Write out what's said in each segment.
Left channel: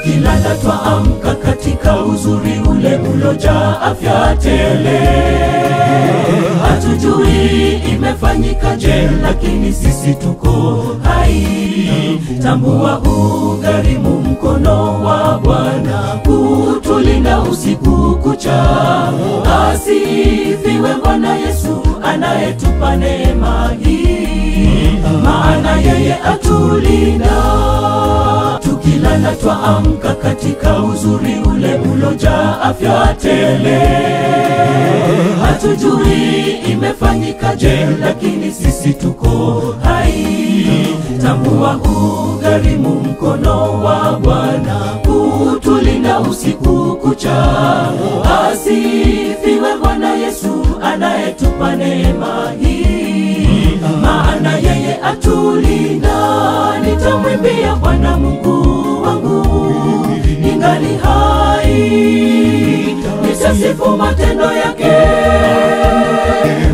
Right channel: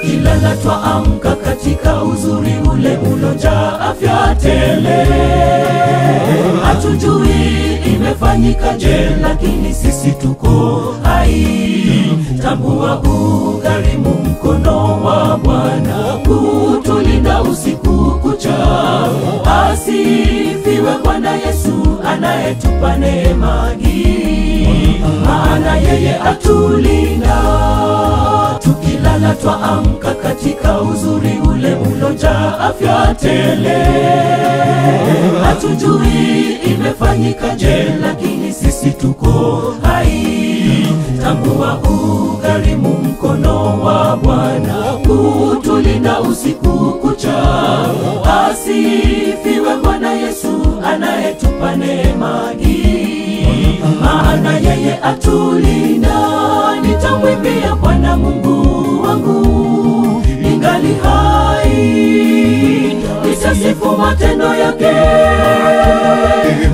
tukilala twaamka katika uzuri ule ulojaa afya tele. Hatujui imefanyika je, lakini sisi tuko hai. Tambua ugharimu mkono wa Bwana kutulinda usiku kucha. Asifiwe Bwana Yesu anayetupa neema hii, maana yeye atulinda. Tukilala twaamka katika uzuri ule ulojaa afya tele. Hatujui imefanyika je, lakini sisi tuko hai. Tambua ugharimu mkono wa Bwana kutulinda usiku kucha. Asifiwe Bwana Yesu anayetupa neema hii, maana yeye atulinda. Nitamwimbia Bwana Mungu wangu ningali hai, nitasifu matendo yake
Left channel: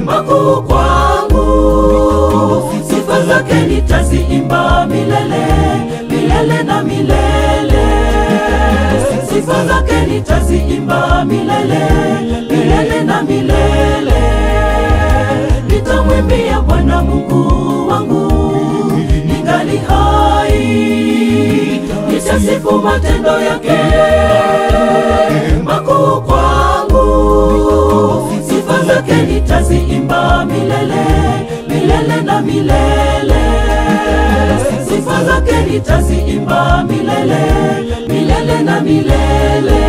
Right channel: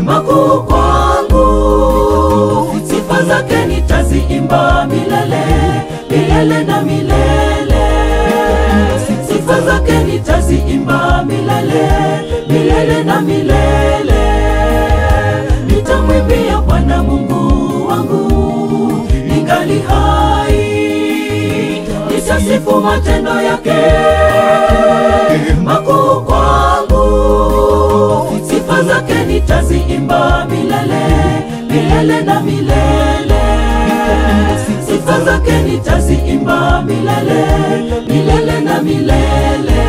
makuu kwangu. Sifa zake nitaziimba milele, milele na milele. Sifa zake nitaziimba milele, milele na milele. Nitamwimbia Bwana Mungu wangu ningali hai, nitasifu matendo yake makuu kwangu. Sifa zake nitaziimba milele, milele na milele. Sifa zake nitaziimba milele, milele na milele.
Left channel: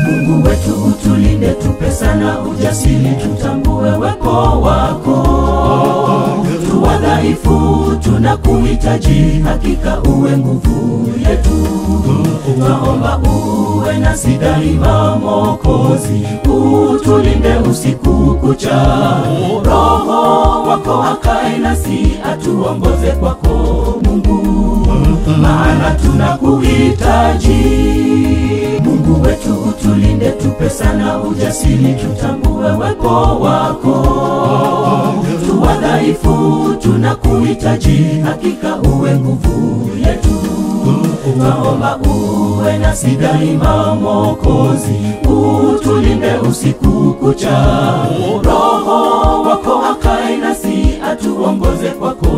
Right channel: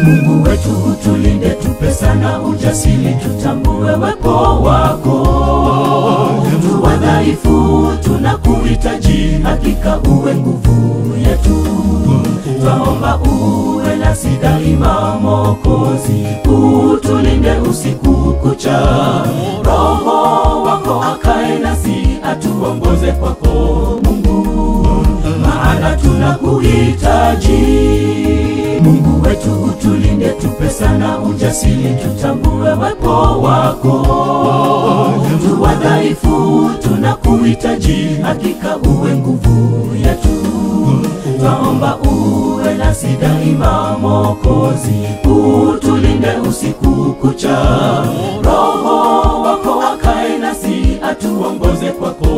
Mungu wetu utulinde, tupe sana ujasiri, tutambue wepo wako. Tu wadhaifu tunakuhitaji, hakika uwe nguvu yetu. Twaomba uwe nasi daima Mwokozi, utulinde usiku kucha. Roho wako akae nasi, atuongoze kwako Mungu, maana tunakuhitaji. Mungu wetu utulinde, tupe sana ujasiri, tutambue wepo wako. Tu wadhaifu tunakuhitaji, hakika uwe nguvu yetu. Twaomba uwe nasi daima Mwokozi, utulinde usiku kucha. Roho wako akae nasi, atuongoze kwako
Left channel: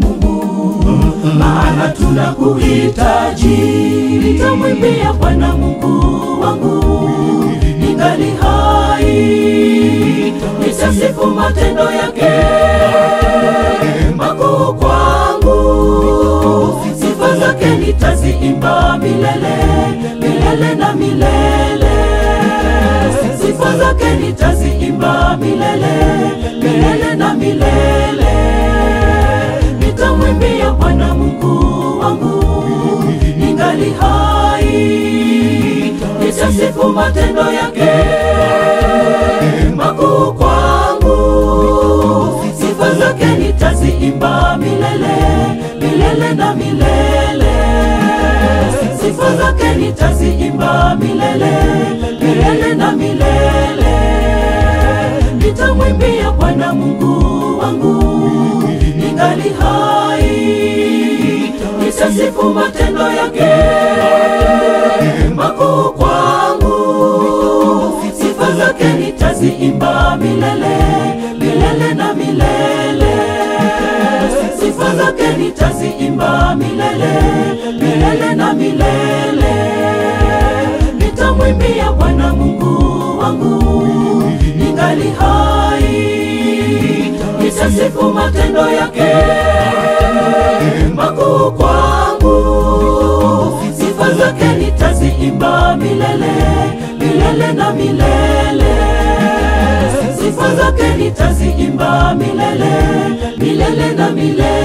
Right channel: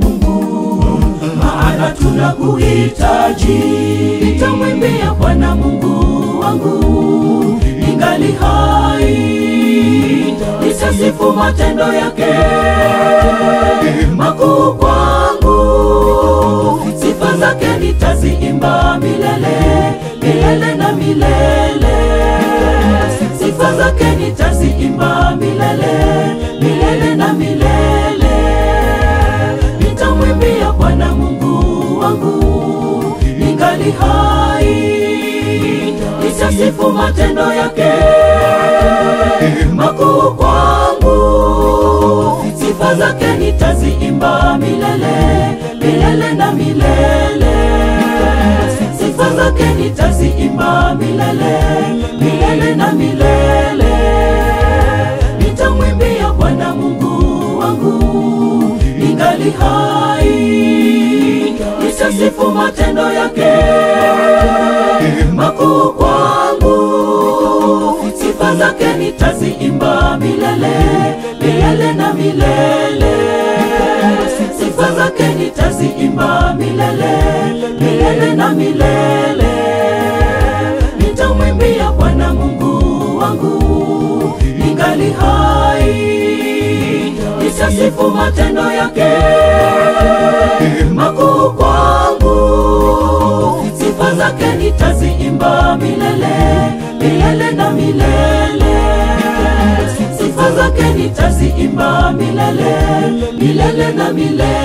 Mungu, maana tunakuhitaji. Nitamwimbia Bwana Mungu wangu ningali hai, nitasifu matendo yake makuu kwangu. Sifa zake nitaziimba milele, milele na milele. Sifa zake nitaziimba milele, milele na milele. Nitamwimbia Bwana Mungu wangu ningali hai, nitasifu matendo yake makuu kwangu. Sifa zake nitaziimba milele, milele na milele. Sifa zake nitaziimba milele, milele na milele. Nitamwimbia Bwana Mungu wangu ningali hai, nitasifu matendo yake makuu kwangu. Sifa zake nitaziimba milele, milele na milele. Sifa zake nitaziimba milele, milele na milele. Nitamwimbia Bwana Mungu wangu ningali hai, nitasifu matendo yake makuu kwangu. Sifa zake nitaziimba milele, milele na milele. Sifa zake nitaziimba milele, milele na milele.